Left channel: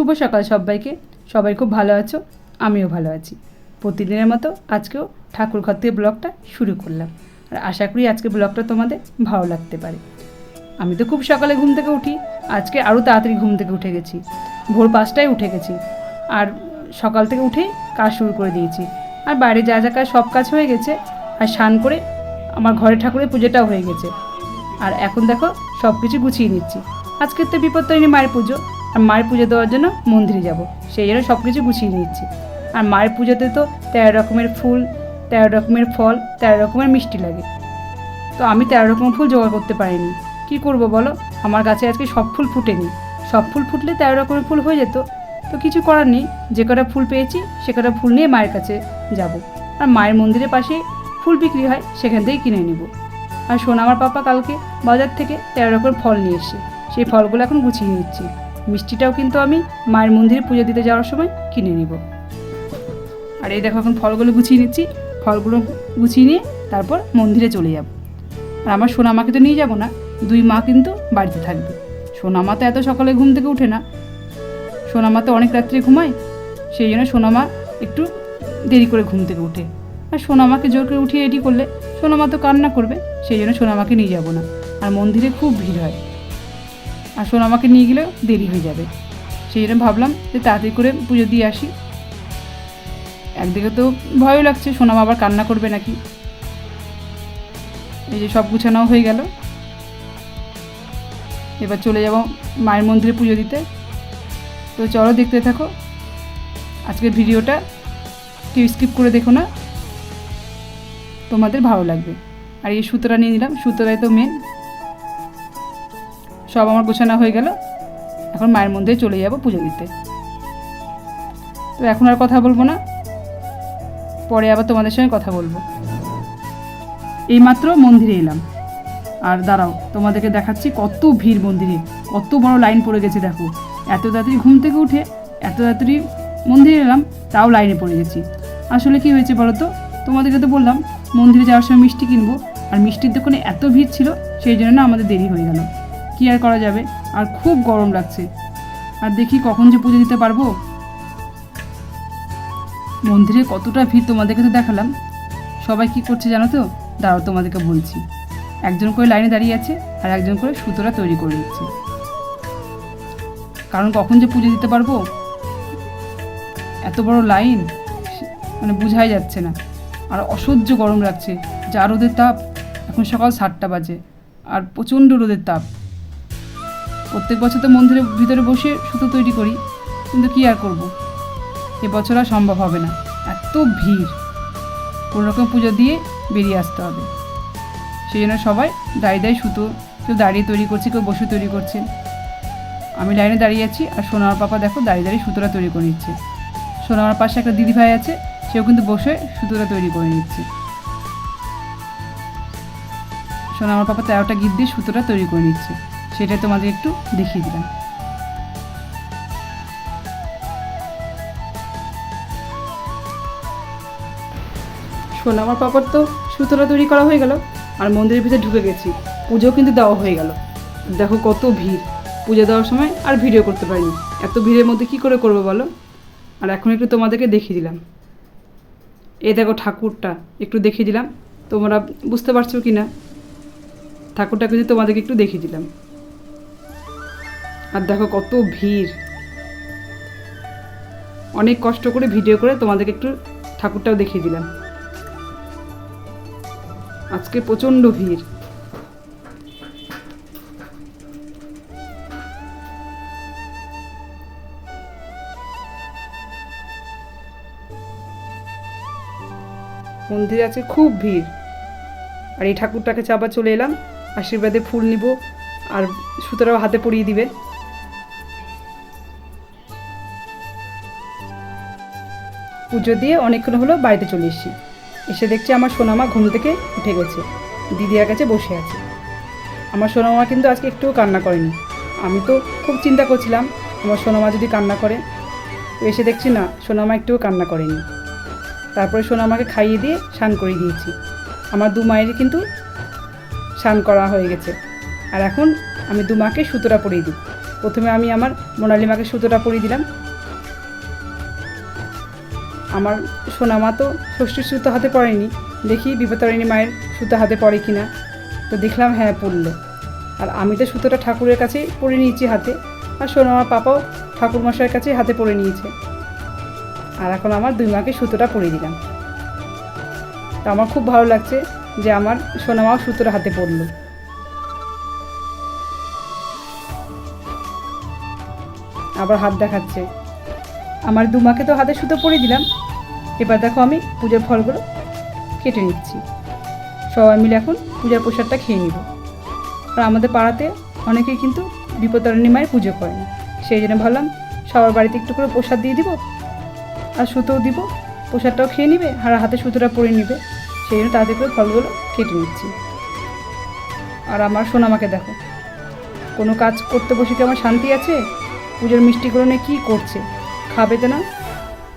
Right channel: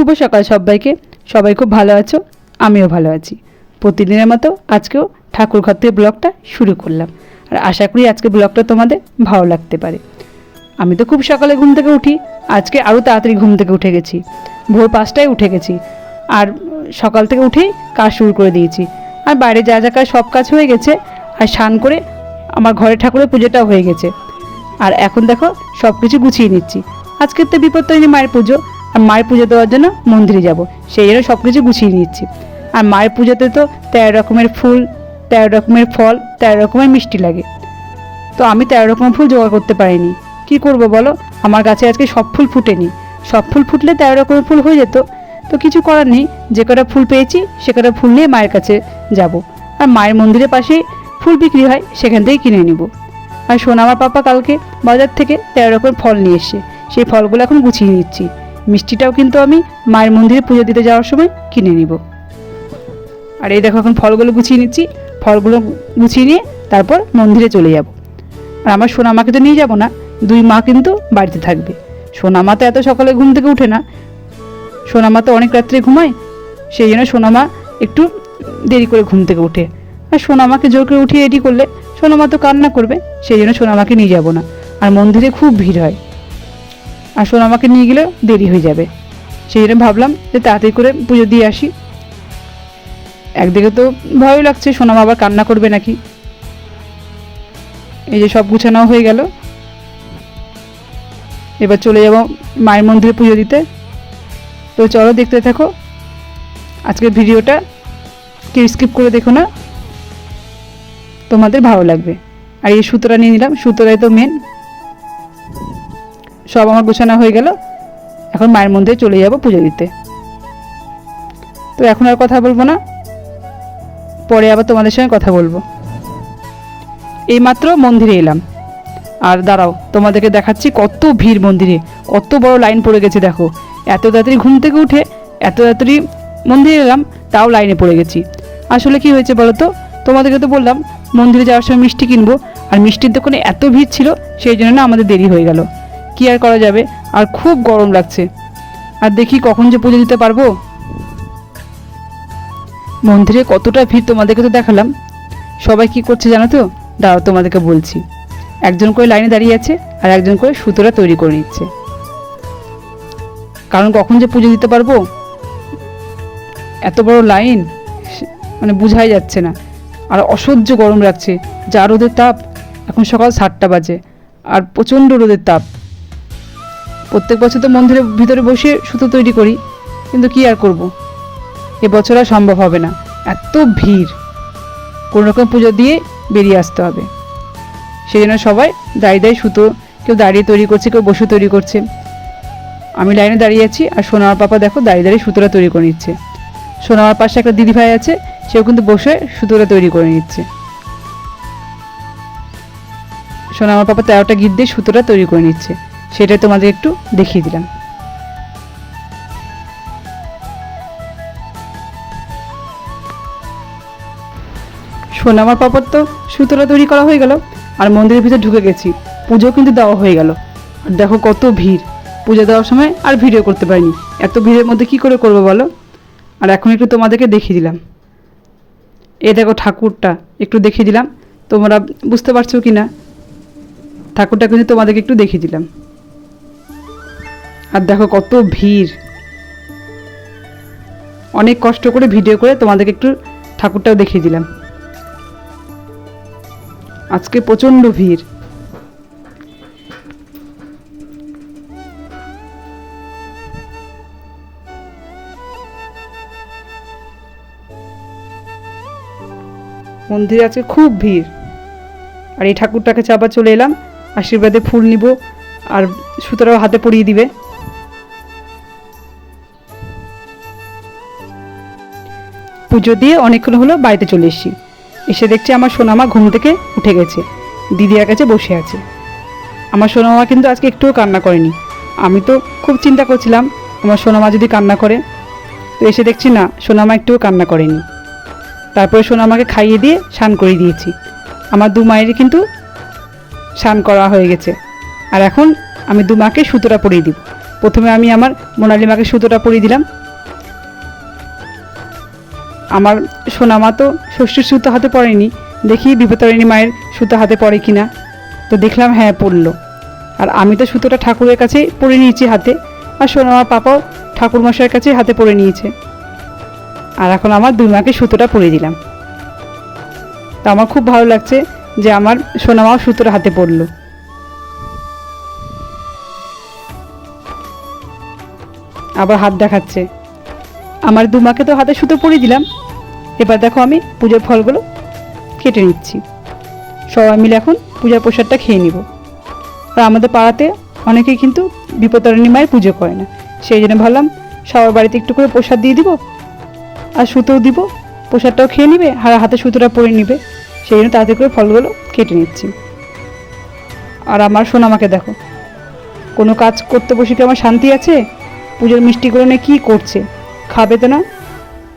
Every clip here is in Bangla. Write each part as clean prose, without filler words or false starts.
শুভ সকাল সবাইকে। সবাই খুব ভালো আছো, আমিও ভালো আছি। প্রতিদিনের মতো আজকেও ঠাকুর ঘর থেকে ব্লগটা শুরু করলাম, আর আশা করি আজকে ব্লগটা তোমাদের ভালো লাগতে পারে। আমি তো খুব সকালে ঘুম থেকে উঠি, আজকে আরও তাড়াতাড়ি ঘুম থেকে উঠে গেছি, ভোর 5টায় উঠে গেছি। আর সকাল থেকে উঠেই কাজ শুরু করে দিয়েছি। আর বাইরে যা যা কাজ সব কাজ হয়ে গেছে, আর স্নান করে আমার ঘরে ঠাকুরের পুজোটাও হয়ে গেছে। আর এখন দেখো সব কিছু গুছিয়ে নিচ্ছি। আজকের তো বিপত্তারিণী মায়ের পুজো, আর মায়ের পুজো দেওয়ার জন্য মন্দিরে যাব, সেই জন্য সব কিছু গুছিয়ে নিচ্ছি। আর মায়ের পুজোতে তো 13 রকমের ফুল, 13 রকমের ফল, 13 রকমের মিষ্টি লাগে। তো আমি 13 রকমের ফুল জোগাড় করতে পারিনি, কি করব বলো? আমার কাছে আজকে সব ফুল ফুটেনি। সব ফুল ফুটলে 13 রকমের ফুল হয়ে যেত। তো কিছু করার নেই, যে কটা ফুল পেয়েছি সে কটা ফুল নিয়ে মায়ের কাছে যাব। আর মায়ের মন্দিরের পাশেই ফুল বিক্রি হয়, সেখান থেকেই কিনে নিব। আর আমার পাপা কালকে বাজার থেকে 13 রকমের ফল নিয়ে এসে, সেই ফলগুলো এখন গুছিয়ে নিচ্ছি। মিষ্টিটাও কিন্তু আমি মায়ের মন্দিরে পুজো দিতে যাওয়ার সময় কিনে নিব। আর এই দেখো এখন ফলগুলো গুছিয়ে নিচ্ছি। ফলগুলো গুছিয়ে নিয়ে তারপর মন্দিরে চলে যাব। আর আমার সোনামাকে তো নিয়ে যাব না, 2 মা কিন্তু বাড়িতে থাকবে। সোনামা তো এত সকালে ঘুম থেকে উঠে না, সোনামা তো অনেক রাত্রে ঘুমায়, সেই জন্য সোনামা একটু দেরি করে ঘুম থেকে উঠে। আর সোনামাকে জোর করে উঠিয়ে রেডি করলে সোনামা তো কান্না করবে, সেই জন্য সোনামাকে নিয়ে যাব না। আর মন্দিরে খুব ভিড় হয়, আর সোনামাকে নিয়ে গেলেও দেরি হয়ে যাবে, সেই জন্য ভাবলাম যে তাড়াতাড়ি করে পুজো দিয়ে আসি। একদিকে তো ভয় লাগছে সোনামা আবার কান্না করবে নাকি। এই যে সব গুছানো হয়ে গেল, এবার চলে যাব মায়ের মন্দিরে পুজো দিতে। তো চলো দেখতে থাকো আজকের ভিডিওটা, কেউ স্কিপ করে দেখো না, তোমাদের ভালো লাগবে। আর এই সুতোটা নিয়ে নিলাম, সুতোটাই তো মেন। সব আমার গোছানো হয়ে গেল, এখন মায়ের মন্দিরে চলে যাব পুজো দিতে। তো এখন আর কথা বলবো না, পরে আবার তোমাদের সঙ্গে কথা বলবো। এইমাত্র মন্দিরে এলাম, আর দাঁড়াও তোমাদেরকে দেখাচ্ছি কত ভিড় মন্দিরে, কত বড় লাইন পড়ে গেছে। দেখো এত তাড়াতাড়ি ঘুম থেকে উঠে এত তাড়াতাড়ি মন্দিরে এলাম, তাও লাইনে পড়ে গেছি। আসলে কি হয়েছে বলো তো, তোমাদেরকে তো বললাম মন্দিরে যাওয়ার সময় মিষ্টি কিনবো, আর মিষ্টির দোকানে এত ভিড় ছিল, সেই জন্য না আমাদের দেরি হয়ে গেল। কি আর করা যাবে, আর খুব গরম লাগছে। আর দেখি কখন যে পুজো দিতে পারবো। মন্দিরে কতটা ভিড় তোমাদেরকে তো দেখালাম, সবাই কি করছে জানো তো? দাঁড়াও তোমাদেরকে বলছি। একজন করে লাইনে দাঁড়িয়ে আছে, আর একজন করে সুতোটা তৈরি করে নিচ্ছে, কারণ কখন যে পুজো দিতে পারবো। এত বড় লাইন, মানে বোঝাই যাচ্ছে না। আর অসহ্য গরম লাগছে, যা রোদের তাপ। এখন সকাল 7টা বাজে, আর প্রচণ্ড রোদের তাপ। প্রত্যেক বছর তো মন্দিরের ভিতরে বসে সুতো তৈরি করি, কিন্তু কি আর করব, এবছর আর সম্ভব হবে না, এত ভিড়। কোনো রকম পুজো দিয়ে বেরিয়ে আসতে হবে, সেই জন্য সবাই দাঁড়িয়ে সুতো, কেউ দাঁড়িয়ে তৈরি করছে, কেউ বসে তৈরি করছে। আমি লাইনে দাঁড়িয়ে আছি, আর সোনার পাপা দেখো দাঁড়িয়ে সুতোটা তৈরি করে নিচ্ছে। সোনার পাশে একটা দিদিভাই আছে, সেও কিন্তু বসে সুতোটা তৈরি করে নিচ্ছে। সোনার পাপা 13টা গিট দিয়ে সুতোটা তৈরি করে নিচ্ছে, সেটাই তোমাদের একটু দেখিয়ে দিলাম। সোনামার পাপার তো সুতোটা তৈরি করা হয়ে গেল, আর মন্দিরের ভিতরে ঢুকে গেছি। পুজো কিন্তু দেওয়া হয়ে গেল। আর দেখো কত ভিড়, পুজো দেওয়ার সময় আর ভিডিও করতে পারিনি, এত ভিড়ের মধ্যে কি করে করবো বলো। আর এখন একটু তোমাদেরকে দেখিয়ে দিলাম, এ দেখো ঠাকুরটা একটু দেখিয়ে দিলাম, তোমরা বুঝতে পারছো কি না? ঠাকুরটা কিন্তু তোমাদেরকে একটু দেখিয়ে দিলাম। আর দেখো কত ভিড়, অনেক কষ্ট করে ভিডিও করে তোমাদেরকে একটু ঠাকুরটাও দেখিয়ে দিলাম। আজকে প্রচণ্ড ভিড়। মন্দিরে আজকে খুব ভিড়। আর এই ঠাকুরটাকে চাপা চলে এলাম, আশীর্বাদে ফুল নিব, আর সুতরাও হাতে পরিয়ে দিবে। পুজো দিয়ে অনেকক্ষণ হলো বাড়িতে চলে এসেছি। এসে দেখছি আমার সোনামা ঘুম থেকে উঠে গেছে, দিদির কাছে বসে আছে। আমার সোনামা কিন্তু আজকে একটুও কান্না করেনি। আমি তো খুব চিন্তা করছিলাম আমার সোনামা যদি কান্না করে, তো এসে দেখছি না, সোনামা একটুও কান্না করেনি। তারপরে সোনামাকে খাইয়ে দিয়ে স্নান করে দিয়েছি। আমার 2 মায়েরই কিন্তু স্নান করা হয়ে গেছে, আর এখন আমি 2 মাকে সুতোটা পরিয়ে দিব। প্রথমে আমি আমার মোনালি মাকে সুতোটা পরিয়ে দিলাম। আমার সোনা মা তো ষষ্ঠীর সুতো হাতে পড়েনি, দেখি বিপত্তারিণী মায়ের সুতো হাতে পড়ে কিনা। তো দেখলাম হ্যাঁ পড়লো। আর আমি তো সুতোটা ঠাকুরের কাছেই পরে নিয়েছি হাতে, আর সোনা মার পাপাও ঠাকুর মশাইয়ের কাছেই হাতে পরে নিয়েছে। আর এখন আমার দুই মাকে সুতোটা পরিয়ে দিলাম। তো আমার খুব ভালো লাগছে যে আমার সোনা মাও সুতোটা হাতে পড়লো। আবার হাত দেখাচ্ছে। আমার দু মাকে তো হাতে সুতো পরিয়ে দিলাম। এবার দেখো আমি পুজোর ফলগুলো কেটে নিচ্ছি। সবাই মিলে এখন পূজার প্রসাদটা খেয়ে নিব। আর আমাদের পাড়াতে অনেকেই কিন্তু বিপত্তারিণী মায়ের পুজো করে না, সেই জন্য ভাবলাম সবার বাড়িতে একটু করে প্রসাদ দিয়ে দিব, আর সুতোও দিব, প্রসাদটাও খেয়ে নিবে আর হাতে সুতোটা পরে নিবে। সেই জন্য তাড়াতাড়ি করে ফলগুলো কেটে নিচ্ছি। আর আমার সোনামাকে দেখো, কোনো কাজ করতে বসে কি আমার শান্তি আছে? পুজোর মিষ্টিগুলো নিয়ে কী করছে, খাবে তো না,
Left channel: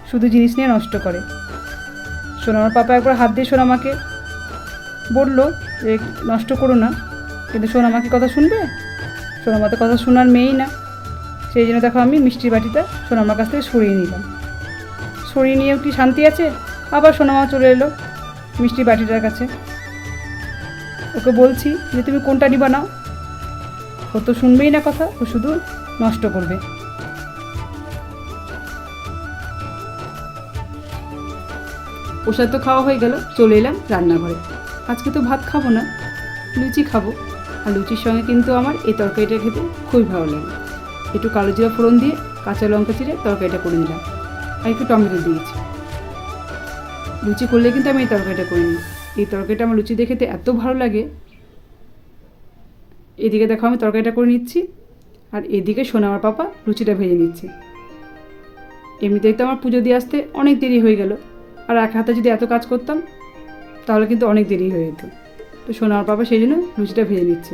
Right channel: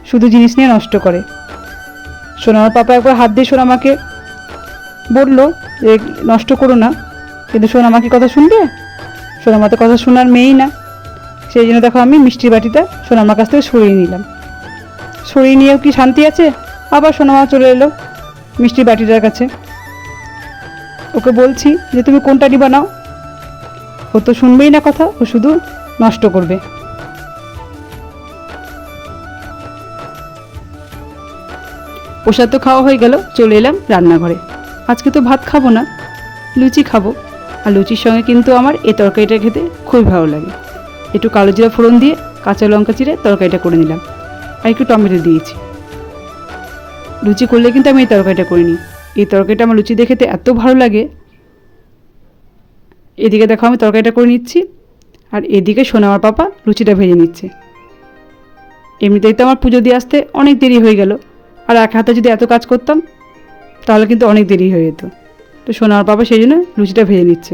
শুধু জিনিস নিয়ে নষ্ট করে। সোনামার পাপা একবার হাত দিয়ে সোনামাকে বললো যে নষ্ট করো না, কিন্তু সোনামাকে কথা শুনবে? সোনামা তো কথা শোনার মেয়েই না। সেই জন্য দেখো আমি মিষ্টির বাটিটা সোনামার কাছ থেকে সরিয়ে নিলাম। সরিয়ে নিয়েও কি শান্তি আছে? আবার সোনামা চলে এলো মিষ্টির বাটিটার কাছে। ওকে বলছি যে তুমি কোনটা নিবা নাও, ও তো শুনবেই না কথা, ও শুধু নষ্ট করবে। প্রসাদ তো খাওয়া হয়ে গেল, চলে এলাম রান্নাঘরে। আজকে তো ভাত খাবো না, লুচি খাবো। আর লুচির সঙ্গে কিন্তু আমার এই তরকারিটা খেতে খুবই ভালো লাগে। একটু কালো জিরা ফোড়ন দিয়ে কাঁচা লঙ্কা চিরে তরকারিটা করে নিলাম, আর একটু টমেটো দিয়েছি। লুচি করলে কিন্তু আমি এই তরকারিটা করিনি। এই তরকারিটা আমার লুচি দিয়ে খেতে এত ভালো লাগে। এদিকে দেখো আমি তরকারিটা করে নিচ্ছি, আর এদিকে সোনামার পাপা লুচিটা ভেজে নিচ্ছে। এমনিতেই তো আমার পুজো দিয়ে আসতে অনেক দেরি হয়ে গেল, আর এক হাতে যদি এত কাজ করতাম তাহলে কিন্তু অনেক দেরি হয়ে যেত। তো সোনামার পাপা সেই জন্য লুচিটা ভেজে নিচ্ছে।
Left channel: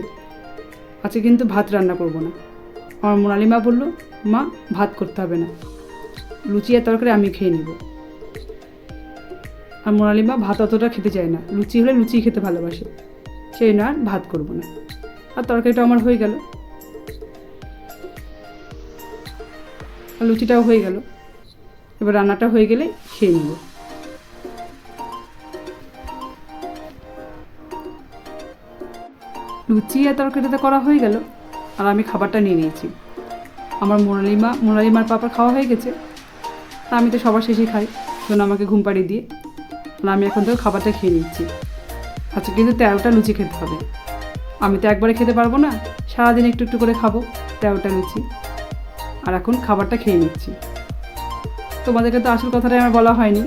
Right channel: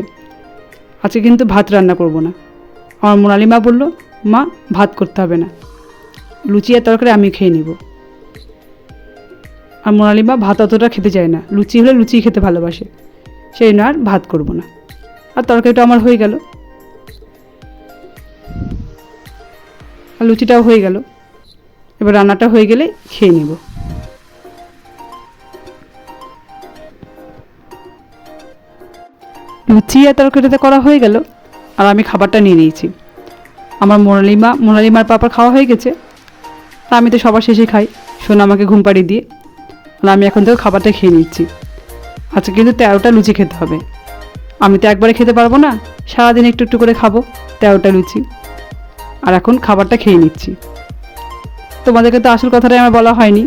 আজকে কিন্তু ভাত রান্না করব না। আমার মোনালি মা বললো, মা ভাত করতে হবে না, লুচি আর তরকারি আমি খেয়ে নিব। আর মোনালি মা ভাত অতটা খেতে চায় না, লুচি হলে লুচি খেতে ভালোবাসে, সেই জন্য আর ভাত করব না। আর তরকারিটা আমার হয়ে গেল, আর লুচিটাও হয়ে গেল। এবার রান্নাটা হয়ে গেলে খেয়ে নিব। লুচি আর তরকারিটা করা হয়ে গেল, আর আমি খাবারটা নিয়ে নিয়েছি। আমার মোনালিমার পাপার খাওয়া হয়ে গেছে, আর আমি তো সবার শেষে খাই, সোনা আমাকে ঘুম পাড়িয়ে দিয়ে। আর আমি এখন থেকে খাবারটা খেয়ে নিচ্ছি। আজকে কিন্তু 13টা লুচি খেতে হবে। আমি তো একবারে খেতে পারবো না, সারাদিন একটু একটু করে খাবো 13টা লুচি। আর এখন খাবারটা খেয়ে নিচ্ছি। তোমাদেরকে তো আসল কথাটাই আমার বলা হয়নি।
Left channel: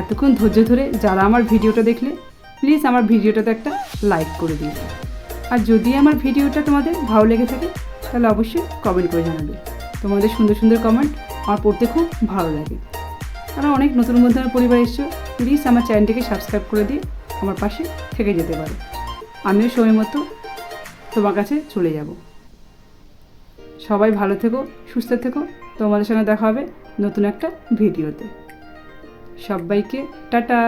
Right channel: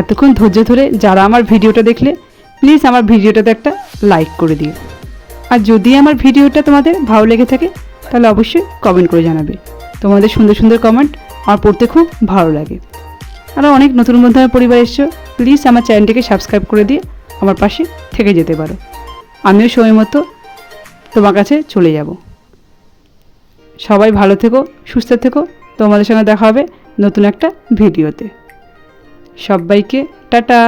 এতক্ষণ ধৈর্য ধরে যারা আমার ভিডিওটা দেখলে, প্লিজ আমার ভিডিওটাতে একটা লাইক করে দিও। আর যদি আমার ভিডিওটা তোমাদের ভালো লেগে থাকে তাহলে অবশ্যই কমেন্ট করে জানাবে। তোমাদের সুন্দর সুন্দর কমেন্ট আমার পড়তে খুব ভালো লাগে। আর অনেক নতুন বন্ধু আমার পরিবার এসছো, প্লিজ আমার চ্যানেলটিকে সাবস্ক্রাইব করে দিয়ে আমার পাশে থেকে যেতে পারো। আমিও সময় মতো তোমার কাছে চলে যাব। সবাই ভালো থেকো, সুস্থ থেকো। তোমাদের সঙ্গে দেখা হবে নতুন একটা ভিডিওতে। সবাইকে টাটা।